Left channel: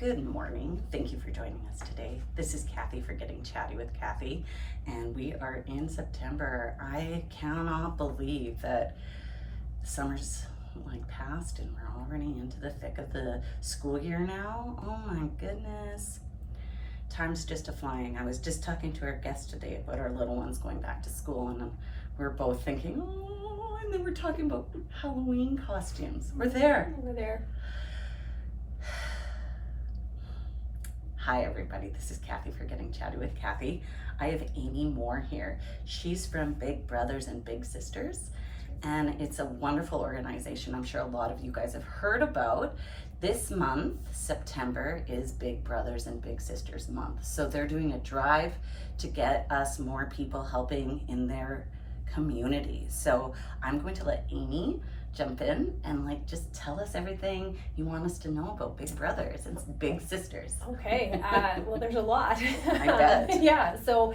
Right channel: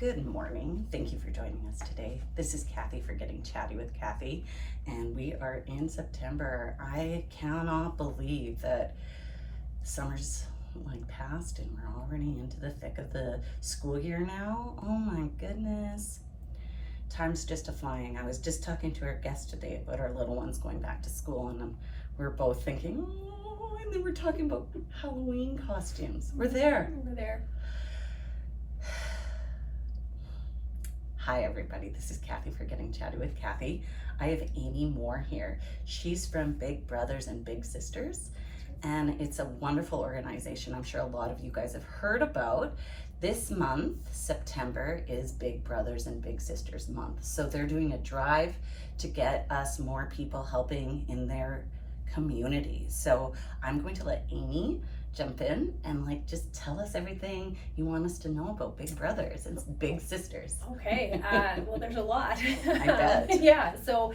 Good morning. Thank you for joining us today. This is Kathy for Getting Chatty with Kathy, and we are in September. I cannot believe that summer's passed and we're already into the thick of the school year now. Oh my goodness. Time's just a-flying. I was just talking to our guest today about our little ones going back to school, and we're both thinking, oh, and then we're talking about Halloween costumes. We're there. We're there. Hi everybody, this is Kathy for Getting Chatty with Kathy. I have Amy Mohr here. She's from Big Brothers and Big Sisters, and it's a wonderful organization I'm sure a lot of you guys have heard about. This month, September, is Big Brothers and Big Sisters month. So they're doing a drive to get us more people helping in their community. So I'm going to let Amy jump in and just tell us everything you want us to know about Big Brothers and Big Sisters. Okay, well there's a lot. I bet. Yeah, so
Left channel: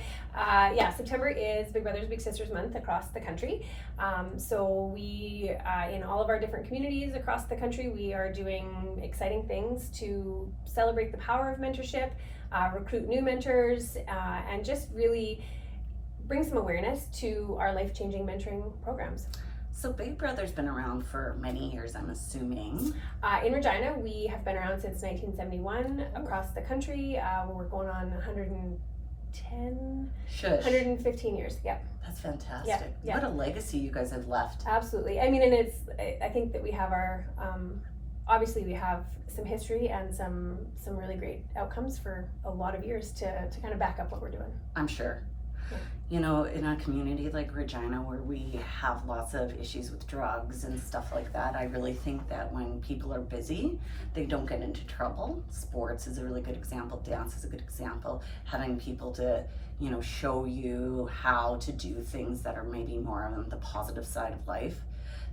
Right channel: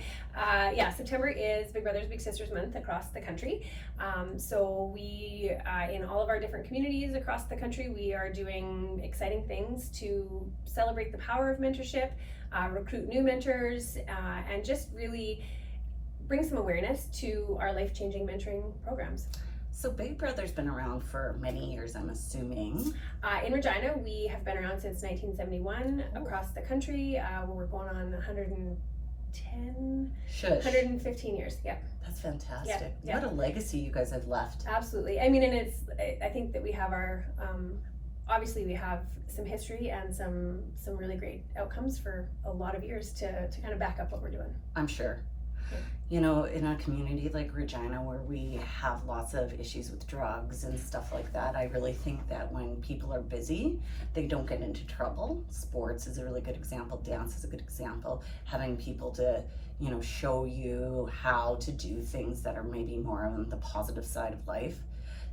September is Big Brothers Big Sisters month across the country. So we, in all of our different communities across the country, we are doing exciting things to celebrate the power of mentorship, recruit new mentors, and just really bring some awareness to our life-changing mentoring programs. So Big Brother's been around for many years, I'm assuming. In Regina, we have been around since 1971 across the country. We're going on 115 years. Yeah. That's fantastic. Yeah. What a legacy you guys have left. Absolutely. I mean, and I think that we have our, obviously we have some history and some really great outcomes for a lot of years to kind of back up what we're doing. I'm sure. Yeah. You know, in a community like Regina where we have lots of issues with drugs and stuff like that, I really think that when people are busy, they don't get into trouble. Sports is a really good example. Dance is a good example. Having people to, show you how to do things that are maybe more on the positive side of life.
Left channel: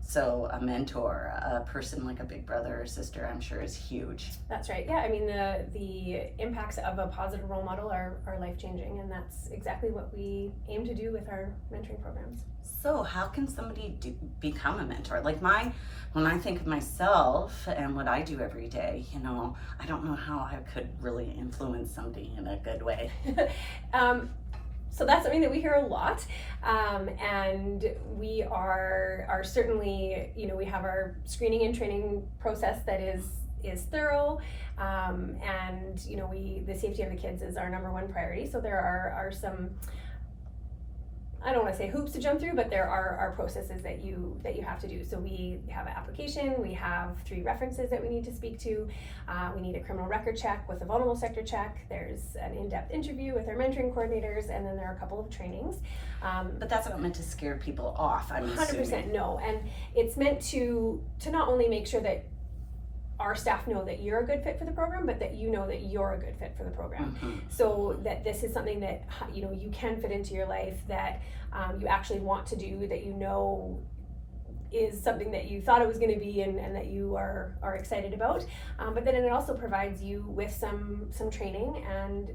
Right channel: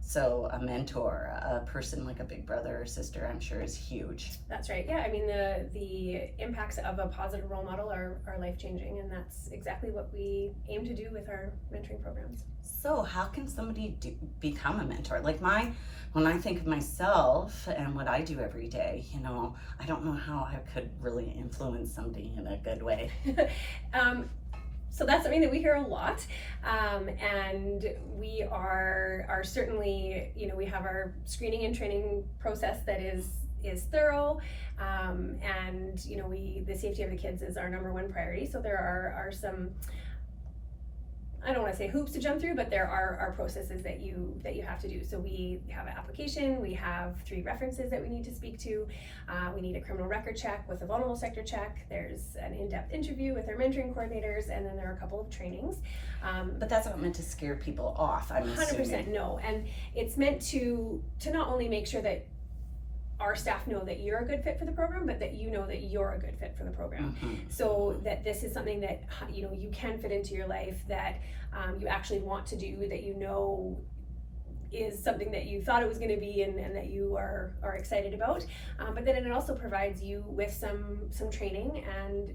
So a mentor, a person like a big brother or sister, I'm sure is huge. That's right. Yeah, I mean the impacts of a positive role model are life-changing, and that's exactly what we aim to do with our mentoring programs. So how can somebody become a mentor? When I think of myself and what I do every day, I don't know how I could really influence somebody in a good way. So that's something that we hear a lot, and we are certainly, we have our screening and training process that is thorough, and the safety of the kids is our number one priority. So there are some, I don't want to say hoops to jump through, but there are processes that you have to do. So we have an application, we have 3 references that we need to speak to, we need a criminal record check with a vulnerable sector check, there's an in-depth interview with our mentoring coordinators, and then there are a couple of trainings. But that's not meant to scare people off, I'm 100% assuming. No, and it's meant to not only make sure that our staff know that you're a good fit for the program, but that you know that you're a good fit for the program. Mm-hmm. So that this is something that you can fit into your life, that you actually want to do, that is something that you thought it was going to be, and that you are excited about. But then it also provides you with some training and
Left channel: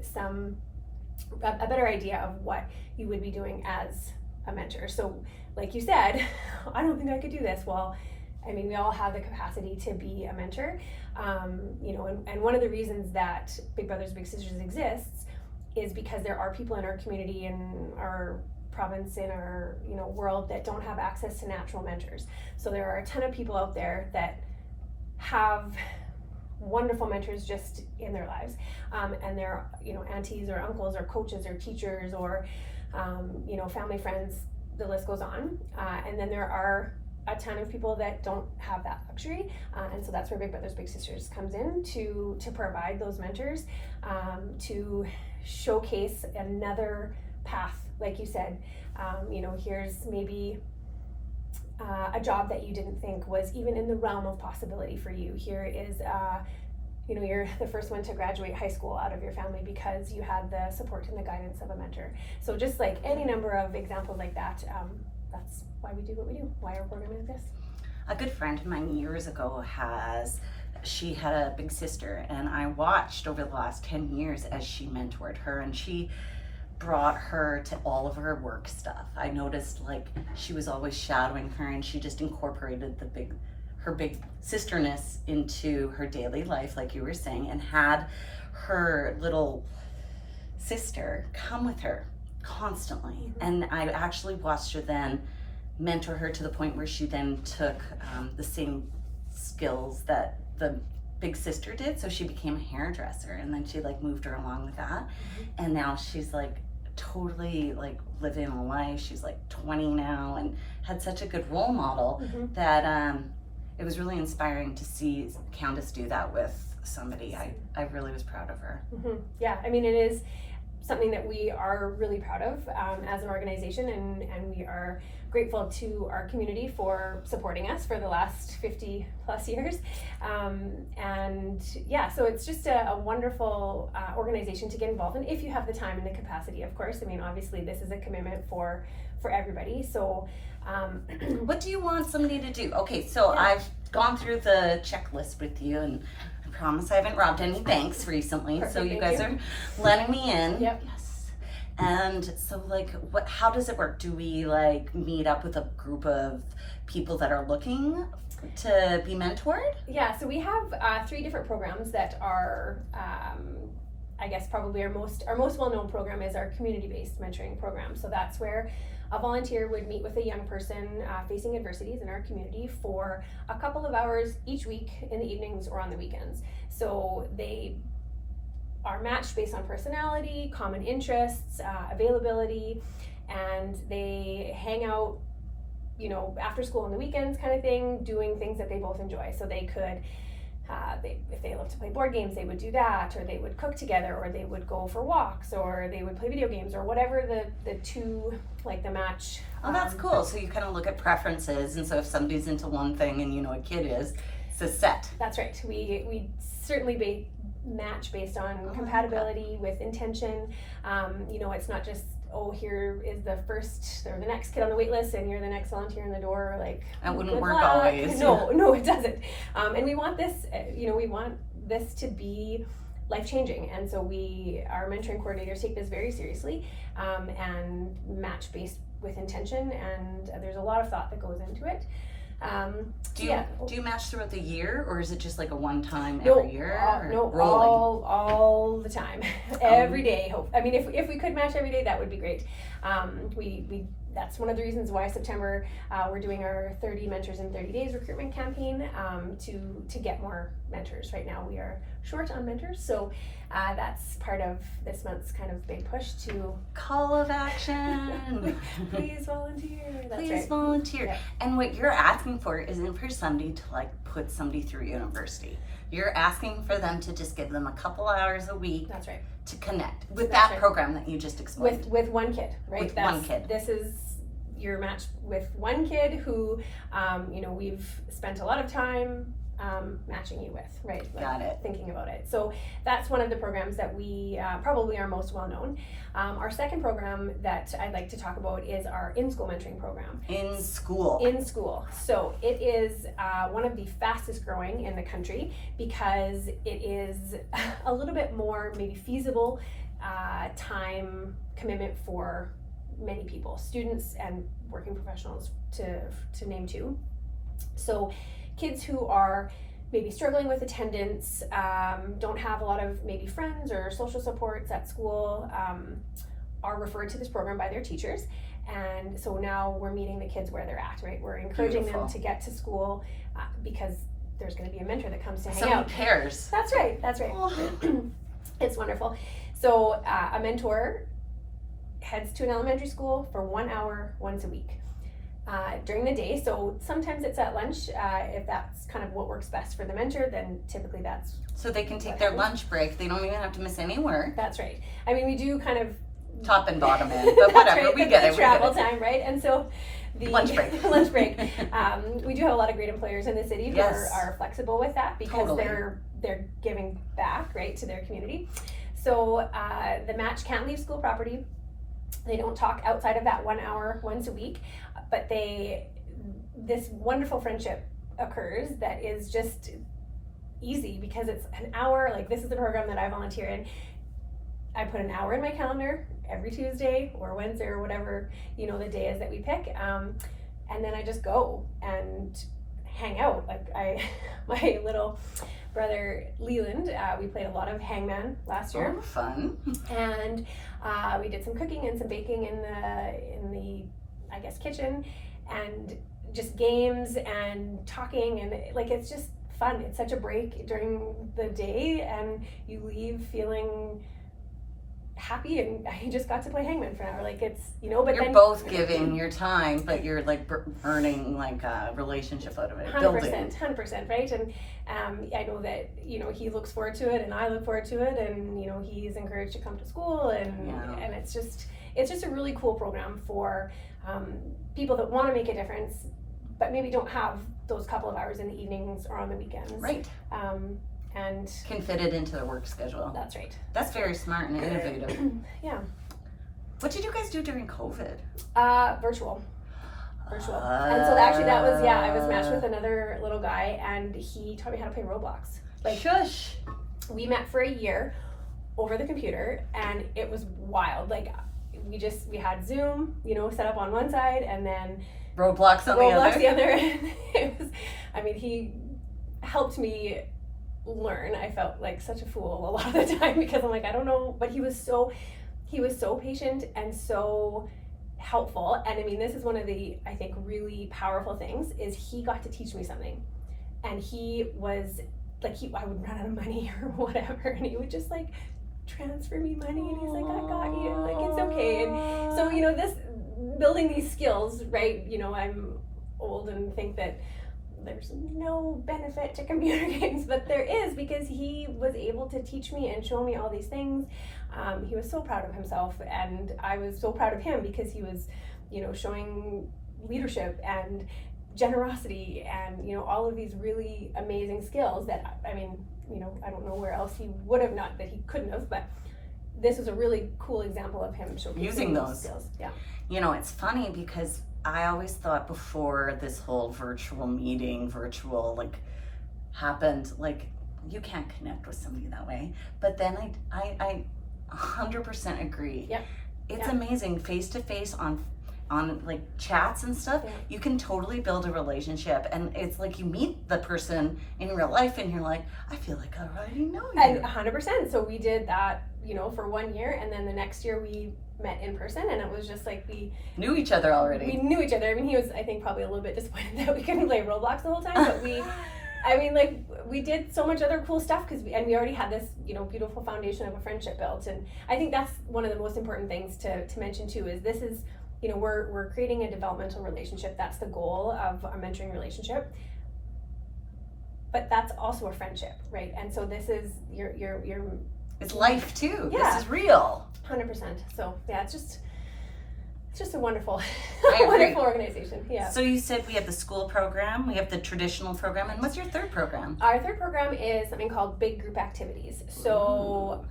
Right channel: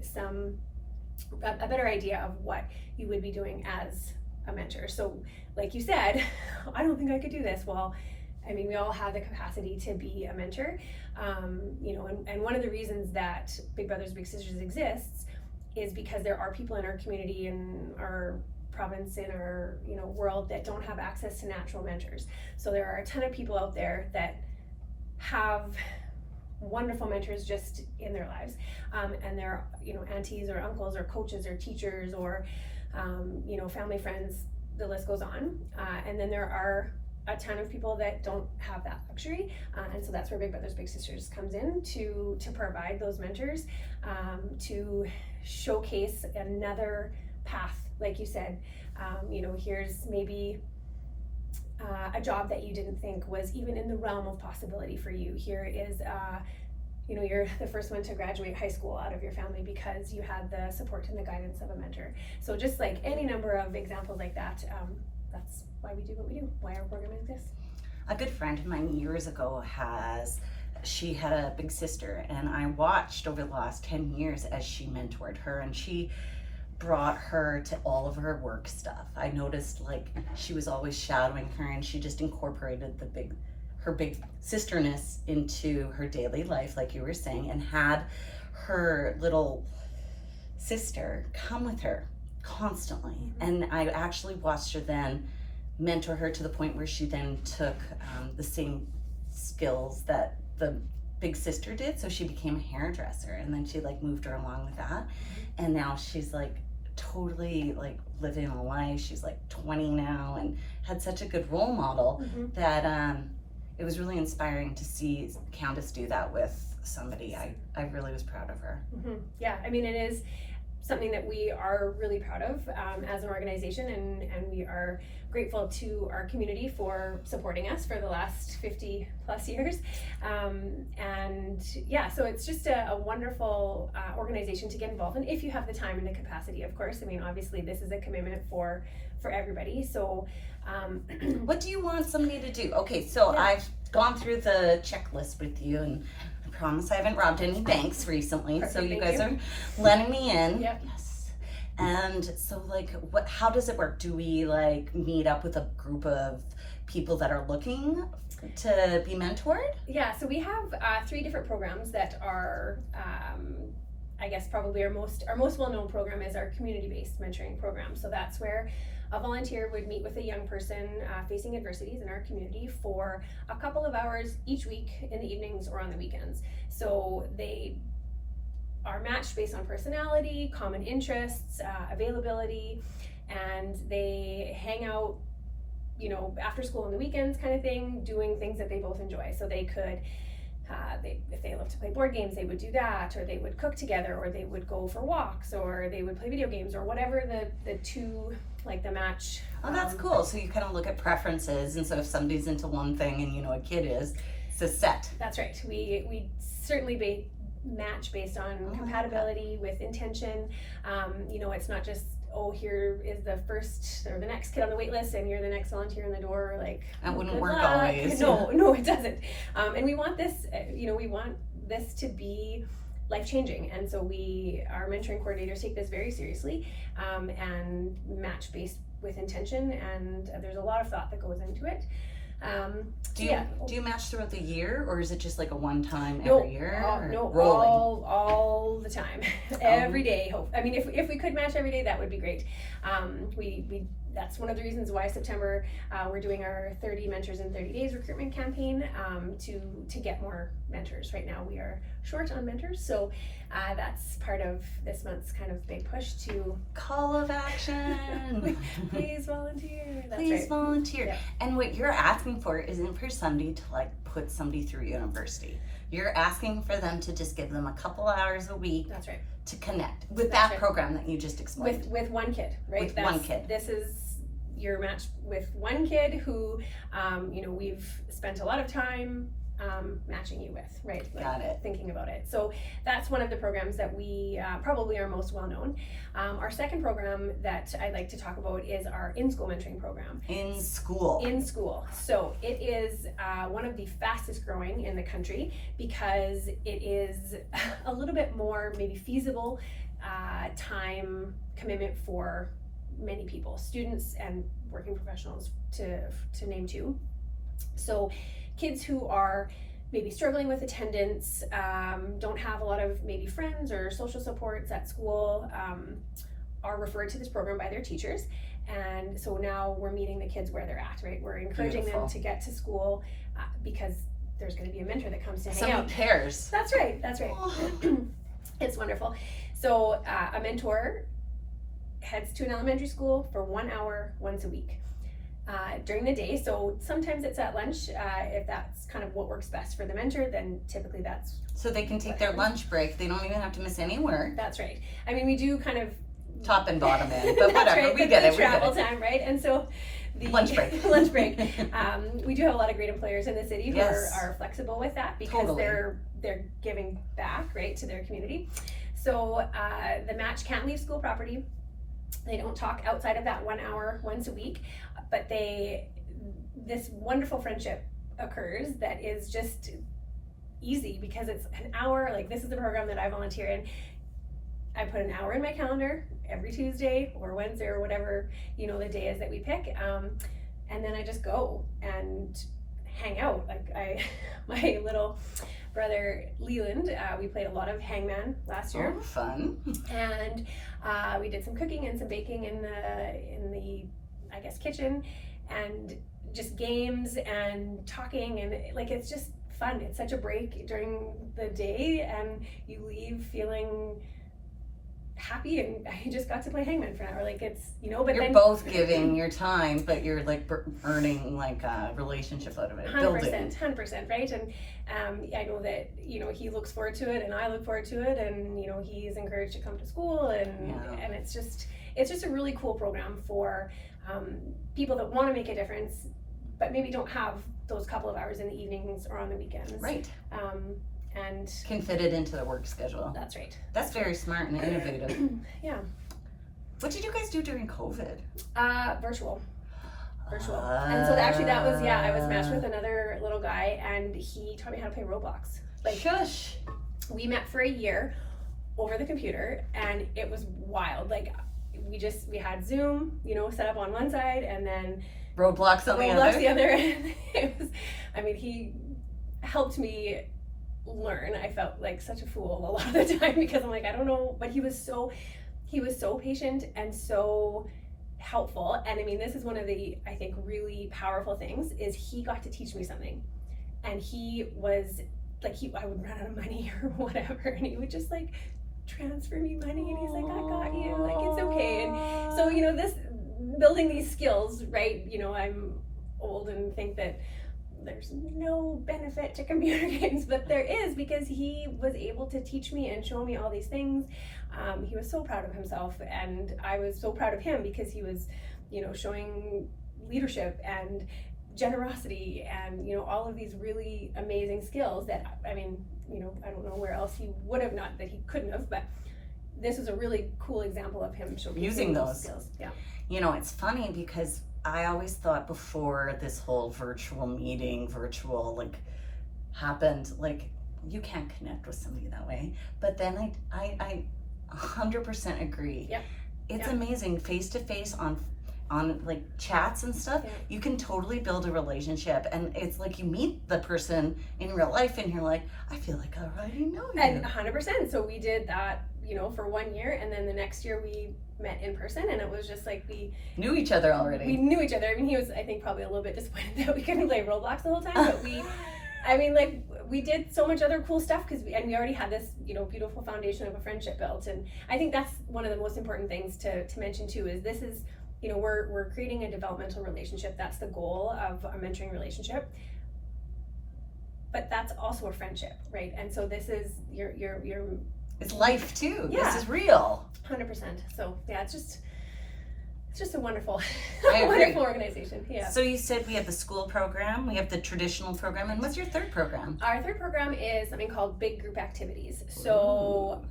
a better idea of what you would be doing as a mentor. So like you said, I don't think I could do this. Well, I mean, we all have the capacity to be a mentor, and one of the reasons that Big Brothers Big Sisters exists is because there are people in our community, in our province, in our world, that don't have access to natural mentors. So there are a ton of people out there that have wonderful mentors just in their lives, and they're aunties or uncles or coaches or teachers or family friends. The list goes on, and then there are a ton of people that don't have that luxury, and so that's where Big Brothers Big Sisters comes in to provide those mentors, to showcase another path. Like you said, here's maybe a job that you didn't think was even in the realm of possibility for you. Here is you're the first one to graduate high school out of your family because you had the support and the guidance of a mentor. So just like any number of examples like that, that's why we do what we do, why our program exists. A good friend of mine years ago she had a big sister, and I watched over the last 10 years as she mentored her, and she brought her to all of her work stuff. I noticed she was always shadowing her, and she just incorporated her big sisterness into her daily life, like you were saying, and had her little sister come with her constantly. Mm-hmm. And I actually watched her then mentor her to the point where she then took the same skills that the big sister did. So she became a hairdresser, and then she like moved her along with that. Mm-hmm. And now she's like totally like living a life. She's like 20 now and had such a good role model Mm-hmm. that it was really inspiring to see Candace do that with somebody. I really was proud of her. Mm-hmm. Yeah, I mean, it is something that we are really proud of as an organization, and we are grateful to our community for supporting us for the last 50 plus years. And yeah, so it's just a wonderful organization to get involved in if you have the time and the capacity, of course. I mean, obviously this is a commitment for everybody. So what do you want somebody to do? Okay, so Yeah. I've gone through the checklist with you, and I promise I haven't robbed any banks recently. Perfect, So you thank guys you. are letting me in. Yep. Yes. And so like how does it work? Do we like meet up with a group of people that are looking to be mentored? Yeah, so we have 3 different programs that are, I guess probably our most well-known program is our community-based mentoring program. So that's where a volunteer would meet with a young person facing adversities in our community for a couple of hours each week in the evenings or on the weekends. So they are matched based on personality, common interests, availability, and they hang out, you know, after school on the weekends kind of thing, doing things that they both enjoy. So they could, if they love to play board games, they would do that, or they would cook together, or they would go for walks, or they would play video games, or whatever the two, like the match. Oh, that's cool. So you kind of look at preferences, and so if somebody's into one thing and you know a kid is, it's a set. That's right. We certainly match based on compatibility with intention. You know, it's not just, oh, here is the first or the next kid on the wait list and you're the next volunteer in the door. Like, That wouldn't good work luck. always. No, it doesn't. And we want this, we want this to be life-changing. And so our mentoring coordinators take this very seriously and match based with intention. And there's a lot of thought that goes into it. Do you match throughout the year, or is it just like a one time No, every year? no, rolling? all the time, every day. I mean, if we could match every day, that would be great. We that's one of the reasons why September we're doing our 30 Mentors in 30 Days recruitment campaign to get more mentors. Right now we are short on mentors, so that's part of this month's kind of big push to Call of action. please volunteer. That's Please right. volunteer. Yeah. And what you're asking for isn't for somebody to like put somebody through university. You're asking for them to just give them a couple hours a week That's right. to connect with That's that right. program that you just explained. With one kid, right? With one kid. This is you're matched with one kid who, we've spent a lot of time matching you with, right? Like, Got it. Thinking about it. So that's one of the programs that we probably are most well known. Our second program that I'd like to talk about is our in-school mentoring program. In school. In school. So it is one of the fastest growing in the country because it is a little bit more maybe feasible time commitment for many people, students and working professionals to name 2. So kids who are maybe struggling with attendance, don't have a lot of maybe friends or social supports at school, are referred to this program by their teachers. And so now we're meeting the kids where they're at, right? We're encouraging Beautiful. them to get to school because there's going to be a mentor that comes to hang Somebody out. cares. That's right. Oh. It's wonderful. So a mentor heads to an elementary school for 1 hour once a week during the day. So sometimes it's at lunch. If that's kind of what works best for the mentor, then typically that's So they can take their lunch break. They don't even have to miss any work. that's right. I mean, we do kind of Top and bottom end, but whatever. right, We but get the it. We get travel it. time, right? And so the Lunch break. lunch break. We do have a lot of great employers in the city who Yes. are flexible with that because Totally. they're giving back, right, to their community. So the match can't leave school property. They don't talk outside of that 1 hour once a week, but this wonderful friendship occurs that is just easy because it's an hour. Like, this is the program that I volunteer in. I put an hour in my calendar every Tuesday or Wednesday or whatever, the day is that we pick. And then I just go and hang out. Like my little brother Leland, we played a lot of hangman last year. Oh, fun. And we did some cooking and some baking in the I guess kitchen, and just games and talking, and like it's just fun. It's such a break during the day, and you leave feeling happy, and I just got to play hangman for an hour. Like it's, you know, but You're then both giving your time, but you're like earning like a relationship out of it. 100%, right? And I know that, you know, he looks forward to it, and I look forward to it, and you know, he's encouraged to come to school, and and it's just a really cool program for people that want to make a difference, but maybe don't have those couple of hours in the evenings or on the weekends. Right. And can fit it into the work schedule. That's right. That's very smart and innovative. Yeah. What did you guys do during COVID? Virtual. And so actually that was, I was matched with another little guy, and he taught me how to play Roblox. Like, shush. We met for a year over the computer, and it was wild. Like we had Zoom, you know, set up on one side, and then Roblox on the other. And it was, I mean, he helped me learn. I felt like such a fool a lot of the time because I'm like, I don't know, but he was so patient and so helpful. And I mean, this is one of the, I think, really powerful things is he got to teach me something. And he was like, I would run out of money or whatever, and he would just like transfer me money, and he's like, I got you, like it's okay. And so, you know, this building these skills, right? You know, I'm old and think that there's no benefit to computer games, but there is, because he was able to teach me and show me all these things. He was so proud of himself, and I was so proud of him because he was, you know, showing leadership and generosity and, you know, all of these really amazing skills that, I mean, you know, I don't know where else he would have, not that he couldn't have, but this is a really cool example of him using those skills. Yeah. You know, it's funny because I always thought before this whole virtual like happened, like you can't connect with somebody that way. But then I 100% agree. Yeah. It's amazing face to face on like chats and stuff. Yeah. You can totally build a relationship, and it's like you meet the person in real life and you're like, I feel like I already know you. And 100%. So we did that, you know, for 1 year, and then the next year we met in person, and it was just like we knew each other already. We knew each other. I mean, he was, I think, probably a little bit disappointed that we couldn't play Roblox the whole time, but I mean, like, we did so much other cool stuff because we already had this, you know, beautiful foundation of a friendship built. And I think that's one of the most important things to mention too, is this is, you know, we're creating a developmental relationship. That's the goal of a mentoring relationship. But that's also a friendship, right? And so this is your it's life too. Yeah. This is real. 100%. So yeah, it's just a wonderful, I agree. wonderful organization. Yeah. So you said we have the school program, we have the traditional program, and what's your third program? Our third program is something called Big Group Activities. So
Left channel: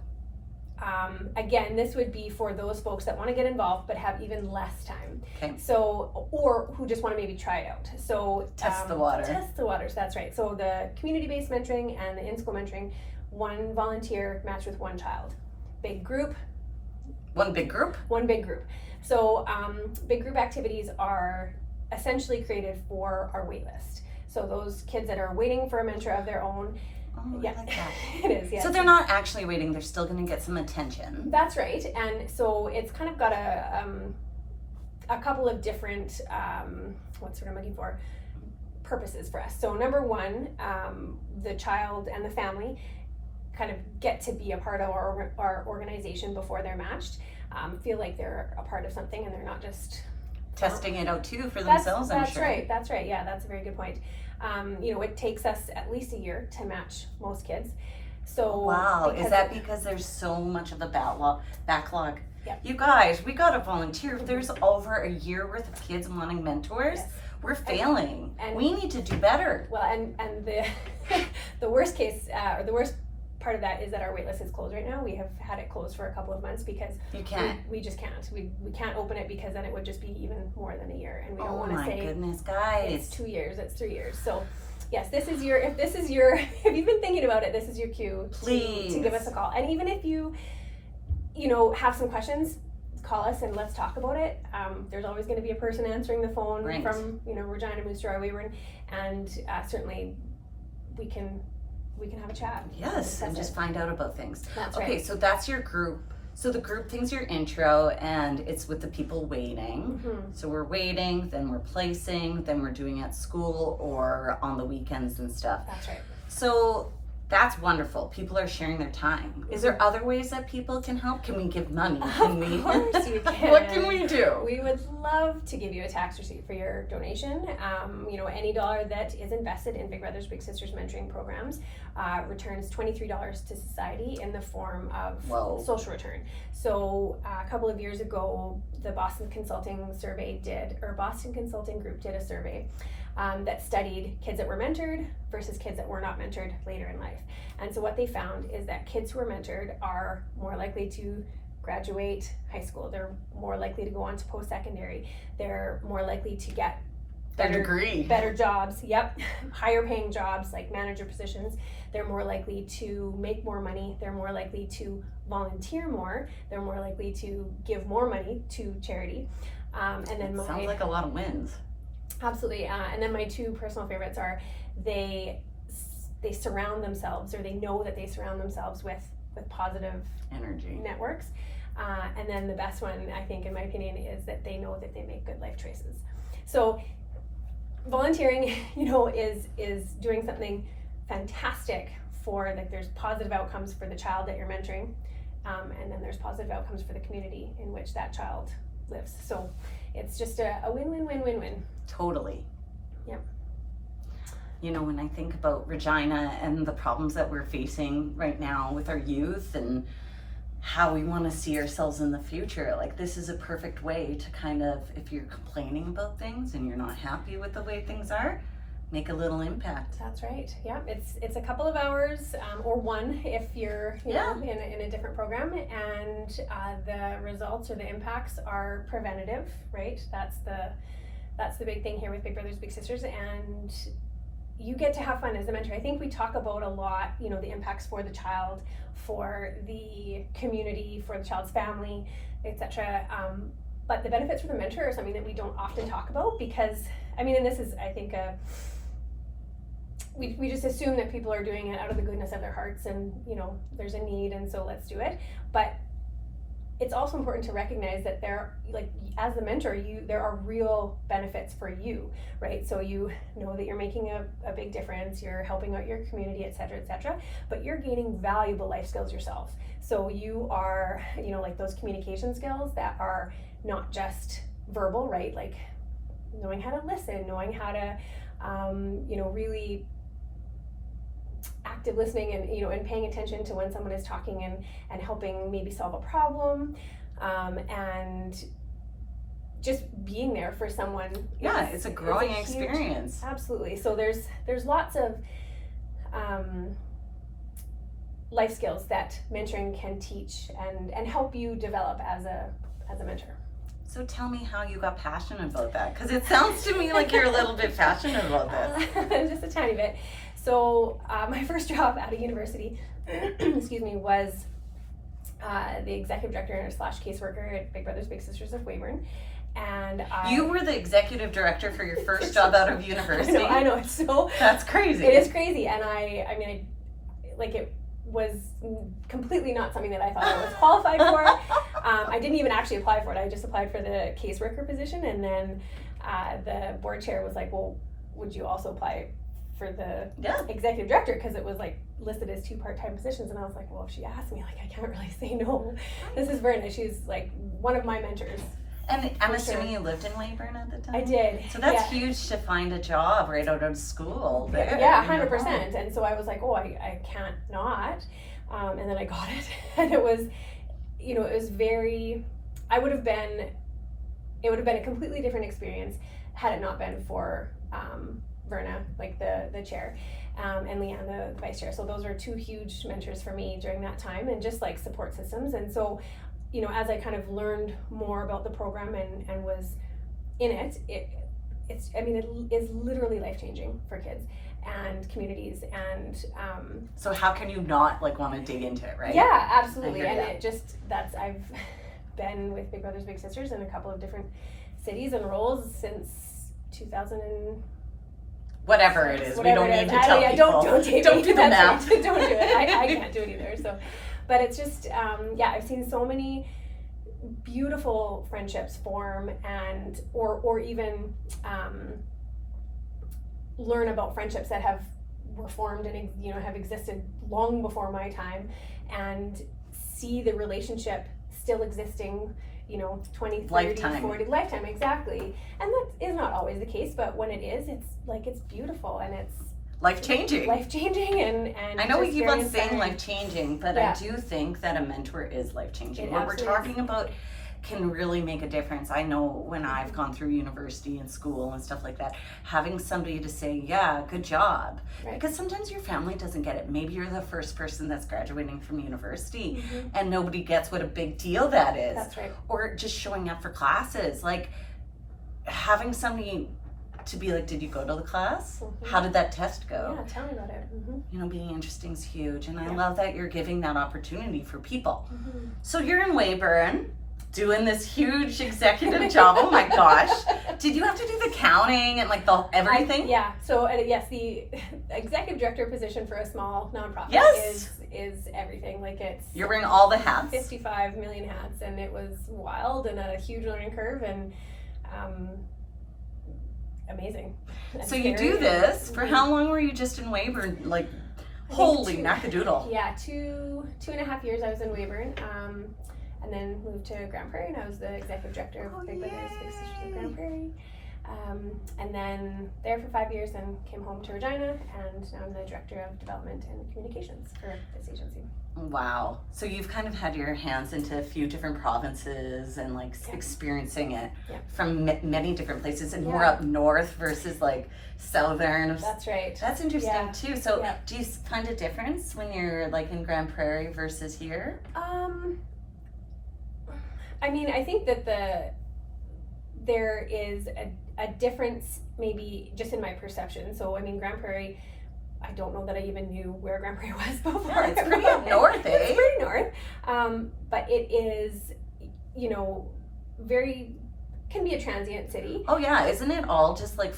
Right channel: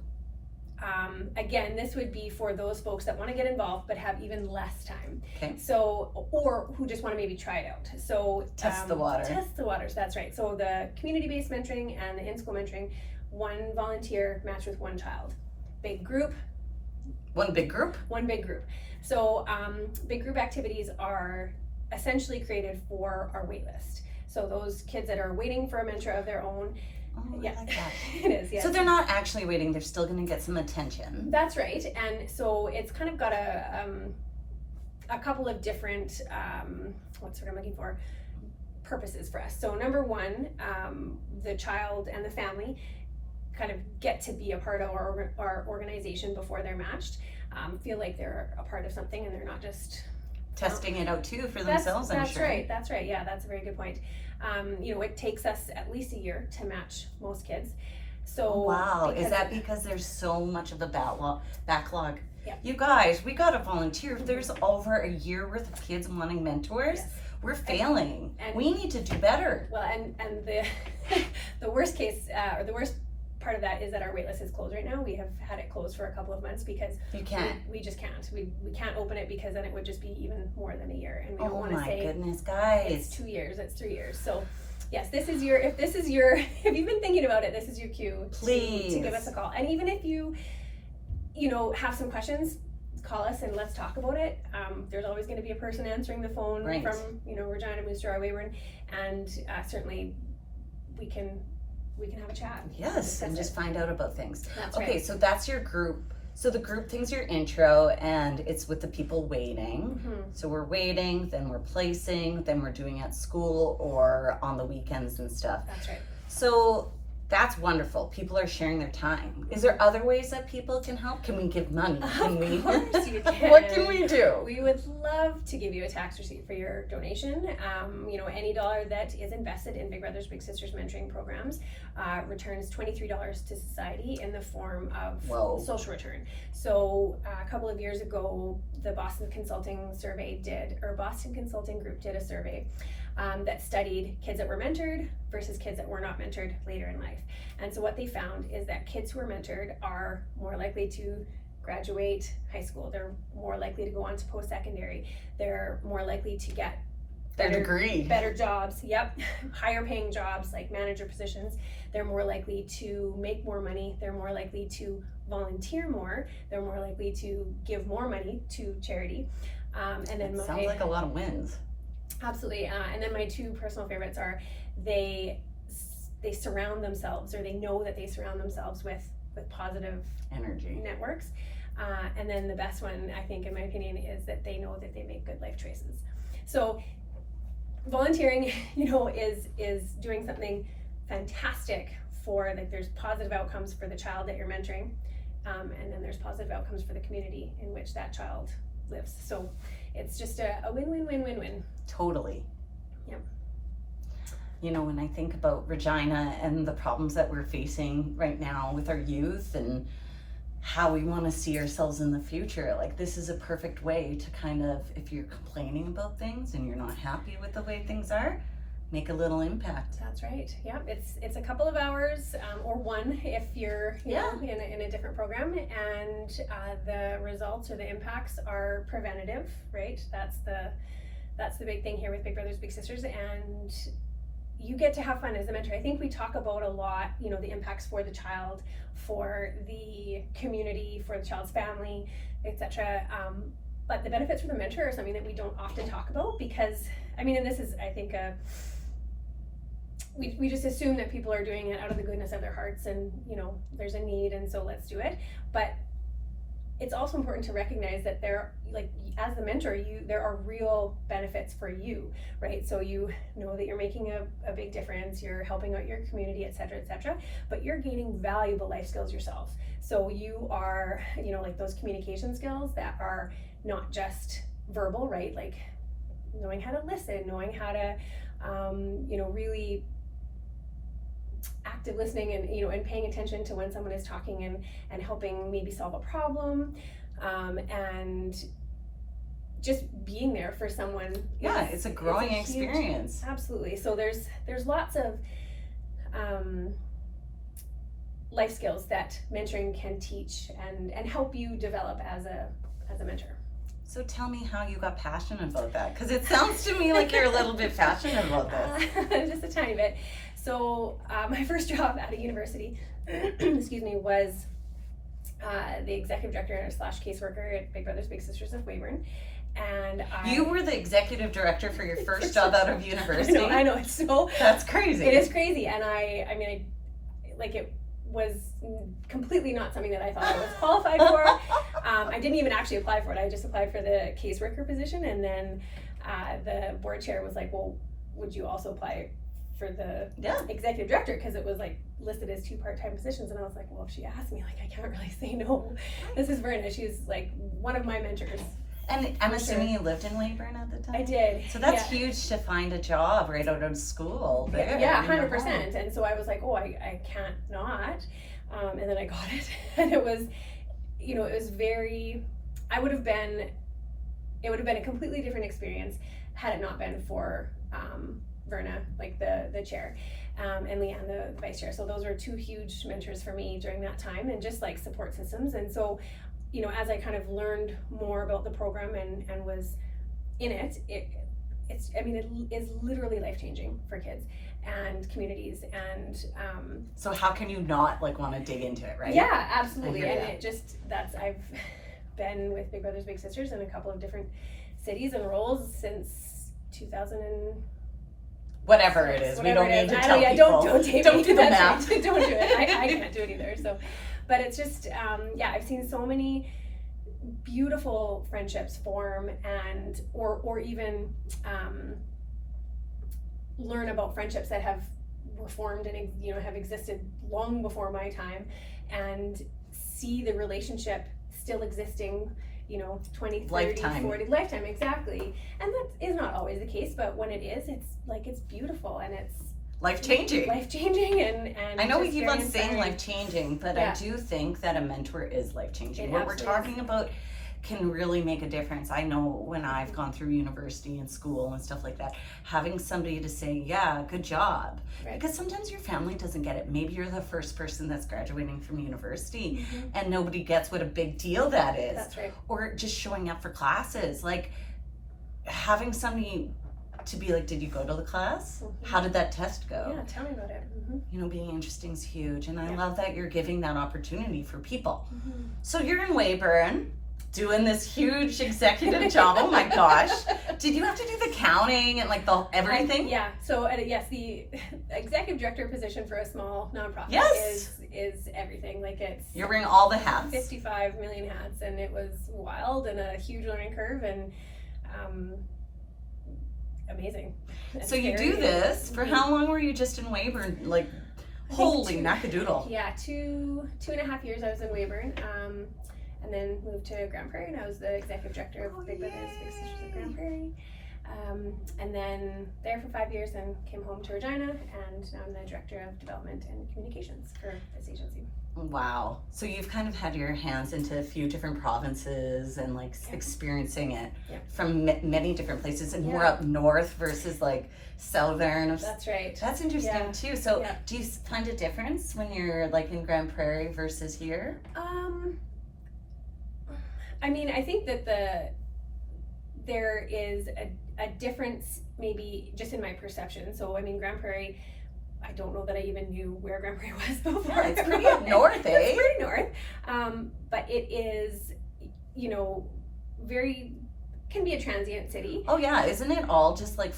again, this would be for those folks that want to get involved but have even less time. Okay. So, or who just want to maybe try it out. So test the water. Test the waters. That's right. So the community-based mentoring and the in-school mentoring, one volunteer matched with one child. Big group. One big group. One big group. So big group activities are essentially created for our wait list. So those kids that are waiting for a mentor of their own. Oh, yeah, I like that. It is. Yeah. So they're not actually waiting; they're still going to get some attention. That's right, and so it's kind of got a couple of different what's what I'm looking for purposes for us. So number one, the child and the family kind of get to be a part of our organization before they're matched. Feel like they're a part of something, and they're not just testing it out too for themselves. I'm sure. That's right. Yeah, that's a very good point. You know, it takes us at least a year to match most kids. So wow, is that because there's so much of a backlog? Yeah. You guys, we got to volunteer. If there's over a year worth of kids wanting mentors, yes. We're failing. And we need to do better. Well, and the the worst case or the worst part of that is that our waitlist is closed right now. We have had it closed for a couple of months because you can't. We just can't. We can't open it because then it would just be even more than a year, and we don't want to say. Oh my goodness, guys! It's 2 years. It's 3 years. So, yes, if you've been thinking about it, this is your cue. Please to give us a call. And even if you know, have some questions, call us and let's talk about it. There's always going to be a person answering the phone Right. from, you know, Regina, Moose Jaw, Weyburn, and certainly we can have a chat. Yes, Discuss and just it. find out about things. That's Okay, right. so that's your group. So the group thing's your intro, and it's with the people waiting. Mhm. So we're waiting, then we're placing, then we're doing at school or on the weekends and stuff. That's right. So that's wonderful. People are sharing their time. Is there other ways that people can help? Can we give money? Can we? Of course you can. What can we do? We would love to give you a tax receipt for your donation. You know, any dollar that is invested in Big Brothers Big Sisters mentoring programs returns $23 to society in the form of Whoa. social return. So a couple of years ago, the Boston Consulting Group did a survey that studied kids that were mentored versus kids that were not mentored later in life. And so what they found is that kids who are mentored are more likely to graduate high school. They're more likely to go on to post-secondary. They're more likely to get Their degree. better jobs, higher paying jobs like manager positions. They're more likely to make more money. They're more likely to volunteer more. They're more likely to give more money to charity. And then Sounds like a lot of wins. Absolutely. And then my two personal favorites are they surround themselves, or they know that they surround themselves with positive Energy. networks. And then the best one, I think, in my opinion, is that they know that they make good life choices. So volunteering, you know, is doing something fantastic for, like, there's positive outcomes for the child that you're mentoring. And then there's positive outcomes for the community in which that child lives. So it's just a win-win-win-win-win. Totally. Yep. You know, when I think about Regina and the problems that we're facing right now with our youth and how we want to see ourselves in the future, like, this is a perfect way to kind of, if you're complaining about things and you're not happy with the way things are, make a little impact. That's right. Yeah, it's a couple of hours, or one if you're you know, in a different program, and the results or the impacts are preventative, right? That's the big thing here with Big Brothers Big Sisters, and you get to have fun as a mentor. I think we talk about a lot, you know, the impacts for the child, for the community, for the child's family, etc. But the benefits for the mentor are something that we don't often talk about, because, I mean, and this is, I think, we just assume that people are doing it out of the goodness of their hearts, and, you know, there's a need, and so let's do it. But it's also important to recognize that there, like, as the mentor, there are real benefits for you, right? So you know that you're making a big difference, you're helping out your community, etc., but you're gaining valuable life skills yourself. So you are, you know, like, those communication skills that are not just verbal, right? Like knowing how to listen, knowing how to, you know, really active listening, and, you know, and paying attention to when someone is talking, and helping maybe solve a problem, and just being there for someone. It's a growing experience. Absolutely. So there's lots of life skills that mentoring can teach and help you develop as a mentor. So tell me how you got passionate about that, because it sounds to me like you're a little bit passionate about this. Just a tiny bit. So my first job out of university, excuse me, was the executive director / caseworker at Big Brothers Big Sisters of Weyburn. And you were the executive director for your first job out of university? I know, it's so... That's crazy. It is crazy, and I mean, it was completely not something that I thought I was qualified for. I didn't even actually apply for it. I just applied for the caseworker position, and then the board chair was like, well, would you also apply for the executive director, because it was, like, listed as 2 part-time positions. And I was like, well, if she asked me, like, I can't really say no. This is Verna. She's, like, one of my mentors. And I'm assuming you lived in Weyburn at the time? I did. So that's huge to find a job right out of school there. Yeah, 100%. And so I was like, oh, I can't not. And then I got it. And it was, you know, it was very, it would have been a completely different experience had it not been for Verna, like the chair, and Leanne, the vice chair. So those were 2 huge mentors for me during that time, and just, like, support systems. And so, you know, as I kind of learned more about the program and was in it, it's I mean, it is literally life-changing for kids and communities. And so how can you not, like, want to dig into it, right? Yeah, absolutely. And that. it just, been with Big Brothers Big Sisters in a couple of different cities and roles since 2000 and whatever it is. We don't need to tell people. Don't do the math. Right. Don't do it. I can't do it either. So, but it's just I've seen so many beautiful friendships form, and or even learn about friendships that were formed and have existed long before my time, and see the relationship still existing 20, 30, lifetime. 40, lifetime, exactly. And that is not always the case, but when it is, it's beautiful, and it's life-changing. And I know we keep on saying inspiring. life-changing, but Yeah. I do think that a mentor is life-changing. It What we're absolutely talking about can really make a difference. I know when I've gone through university and school and stuff like that, having somebody to say, yeah, good job. Right. Because sometimes your family doesn't get it. Maybe you're the first person that's graduating from university Mhm. and nobody gets what a big deal that is. That's right. Or just showing up for classes. Like having somebody to be like, did you go to the class? Mhm. How did that test go? Yeah, tell me about it. Being interesting is huge. And I Yeah. love that you're giving that opportunity for people. Mm-hmm. So you're in Weyburn doing this huge executive job. Oh my gosh. Did you have to do the counting and like the everything? Yeah. So yes, the executive director position for a small nonprofit Yes. is everything. Like it's You're wearing all the hats. 55 million hats, and it was wild and a huge learning curve, and amazing. And So you scary. do this for how long were you just in Weyburn? Like, holy two- mackadoodle. Yeah, 2.5 years I was in Weyburn, and then moved to Grand Prairie, and I was the executive director of Oh, Big Brothers Big Sisters of yay. Grand Prairie. And then there for 5 years, and came home to Regina, and now I'm the director of development and communications for this agency. Wow. So you've kind of had your hands into a few different provinces and like Yeah. experiencing it Yeah. from many different places and more Yeah. up north versus like southern. That's right. That's interesting Yeah. too. So Yeah. do you find a difference when you're like in Grand Prairie versus here? I mean, I think that there is a difference maybe just in my perception. So, I mean, Grand Prairie, I don't know that I even knew where Grand Prairie was before. Yeah, it's pretty up north, eh? It's pretty north. But it is, can be a transient city. Oh yeah, isn't it all just like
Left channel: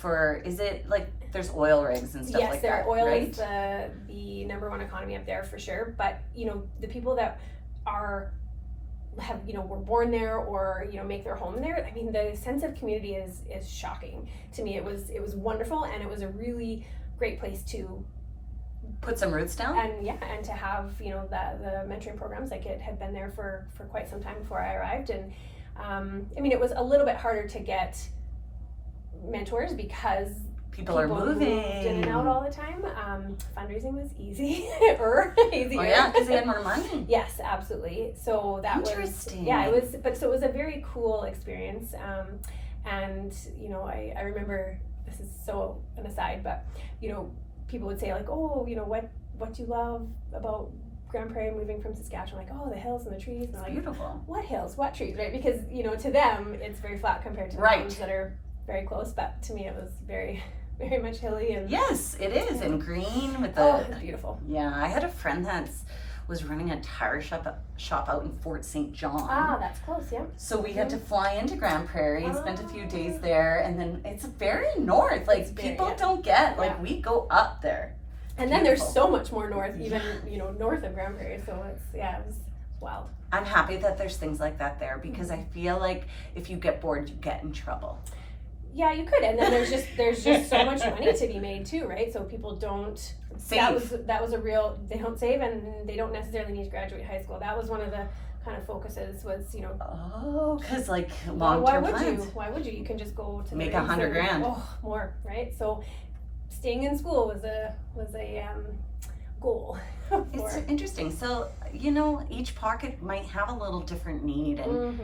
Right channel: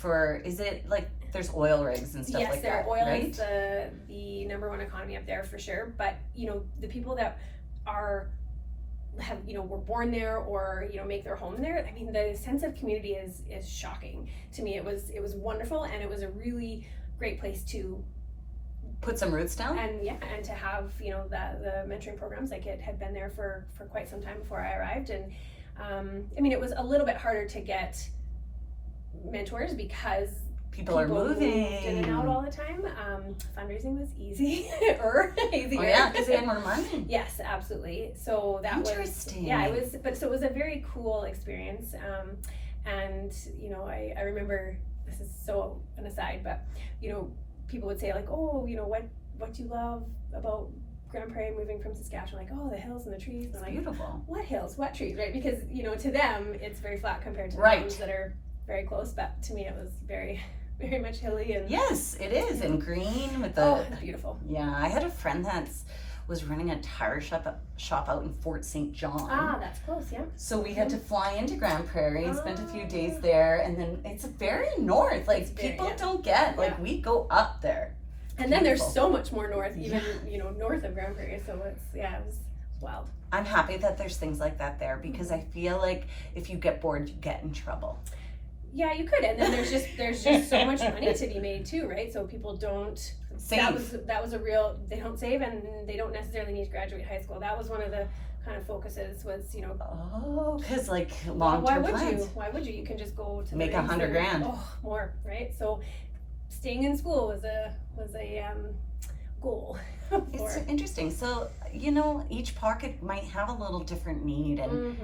is it like there's oil rigs and stuff Yes, like there that, oil right? is the number one economy up there for sure. But the people that were born there or make their home there. I mean, the sense of community is shocking to me. It was wonderful, and it was a really great place to Put some roots down? and to have the mentoring programs. Like, it had been there for quite some time before I arrived, and I mean, it was a little bit harder to get mentors because People are moving. moved in and out all the time. Fundraising was easier. Oh yeah, because they had more money. Yes, absolutely. So that Interesting. was, yeah, it was, but so it was a very cool experience. And I remember, this is so an aside, but people would say like, oh, what do you love about Grand Prairie moving from Saskatchewan? Like, oh, the hills and the trees. And It's I'm like, beautiful. what hills? What trees? Right? Because to them it's very flat compared to the Right. ones that are very close. But to me it was very, very much hilly and Yes, it is. And green with oh, the it's beautiful. yeah. I had a friend that was running a tire shop out in Fort St. John. Ah, that's close. Yeah. So we had to fly into Grand Prairie, spent a few Oh. days there, and then it's very north. Like It's very, people yeah. don't get. Like Yeah. we go up there. And then there's Beautiful. so much more north, even north of Grand Prairie. So it was wild. I'm happy that there's things like that there because I feel like if you get bored, you get in trouble. Yeah, you could, and then there's just so much money to be made too, right? So people don't Save. That was a real. They don't save, and they don't necessarily need to graduate high school. That was one of the kind of focuses was Oh, because like why long-term would plans. you? Why would you? You can just go to the Make rigs $100 and- grand. Oh, more, right? So staying in school was a goal. It's for- interesting. So each pocket might have a little different need, and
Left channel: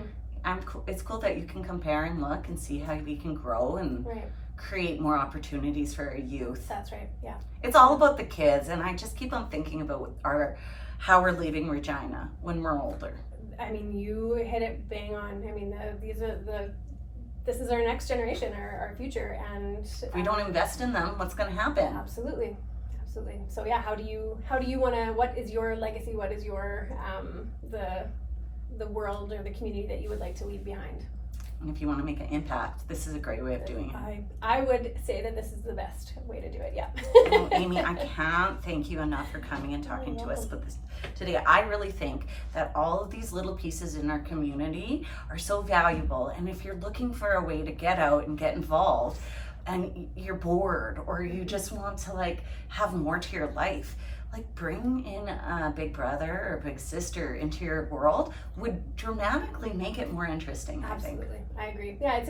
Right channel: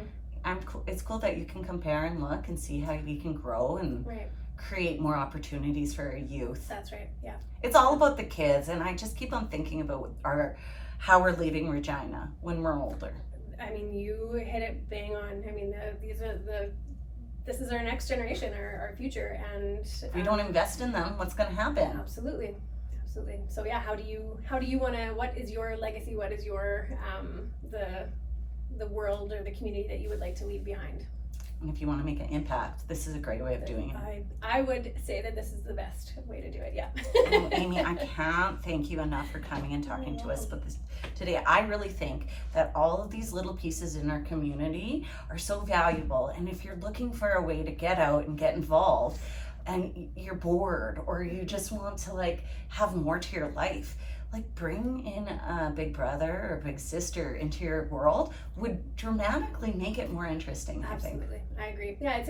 Mhm, it's cool that you can compare and look and see how we can grow and right. create more opportunities for our youth. That's right. Yeah. It's all about the kids, and I just keep on thinking about how we're leaving Regina when we're older. I mean, you hit it bang on. I mean, this is our next generation, our future, and If we don't invest in them, what's going to happen? absolutely. So yeah, how do you want to? What is your legacy? What is your the world or the community that you would like to leave behind. And if you want to make an impact, this is a great way of doing it. I would say that this is the best way to do it, yeah. Well, Amy, I can't thank you enough for coming and talking to us about this today. I really think that all of these little pieces in our community are so valuable. And if you're looking for a way to get out and get involved and you're bored or you just want to like have more to your life, like bring in a big brother or big sister into your world would dramatically make it more interesting, I think. Absolutely, I agree. Yeah, it's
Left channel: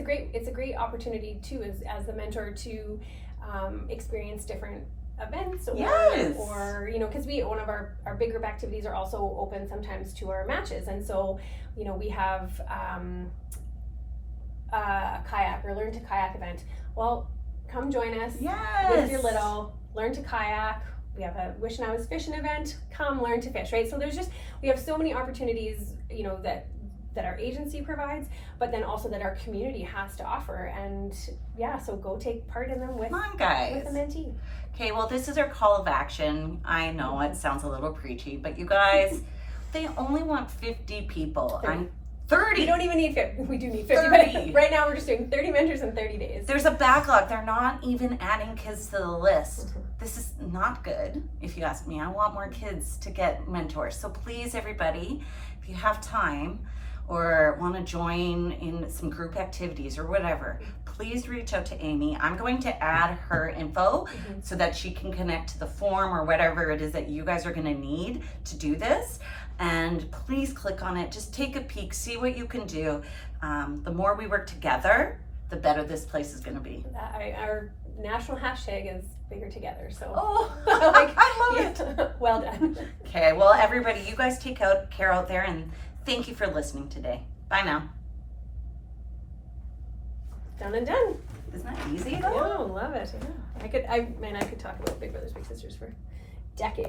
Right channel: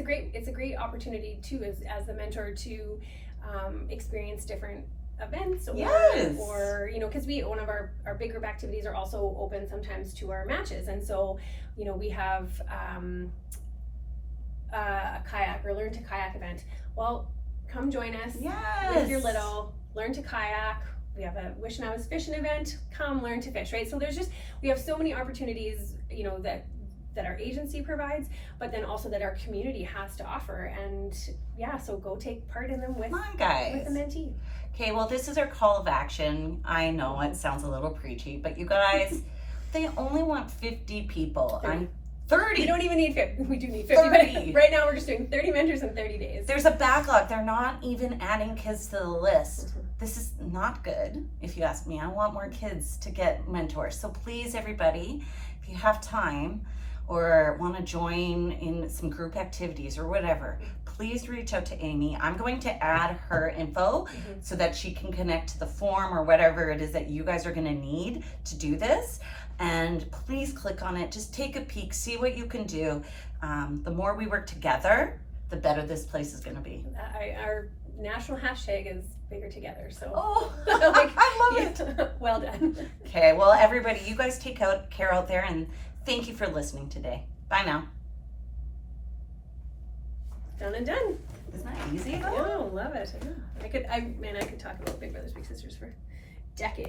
a great opportunity too, as the mentor, to experience different events or, Yes. or you know, because one of our big group activities are also open sometimes to our matches, and so you know we have a kayak or learn to kayak event. Well, come join us with your little, learn to kayak. We have a Wish and I Was Fishing event. Come learn to fish, right? So we have so many opportunities, you know, that our agency provides, but then also that our community has to offer. And yeah, so go take part in them with, Come on, guys. with a mentee. Okay, well, this is our call of action. I know it sounds a little preachy, but you guys, they only want 50 people. 30. I'm 30. We don't even need 50. We do need 50. 30. But right now we're just doing 30 mentors in 30 days. There's a backlog. They're not even adding kids to the list. This is not good, if you ask me. I want more kids to get mentors. So please, everybody, if you have time or want to join in some group activities or whatever, please reach out to Amy. I'm going to add her info so that she can connect to the form or whatever it is that you guys are going to need to do this. And please click on it. Just take a peek, see what you can do. The more we work together, the better this place is going to be. Our national hashtag is bigger together. So I love it. Well done. Okay, well, everybody, you guys take care out there, and thank you for listening today. Bye now. Done and done. Isn't that easy? Oh, love it. Yeah. I could talk about Big Brothers Big Sisters for decades.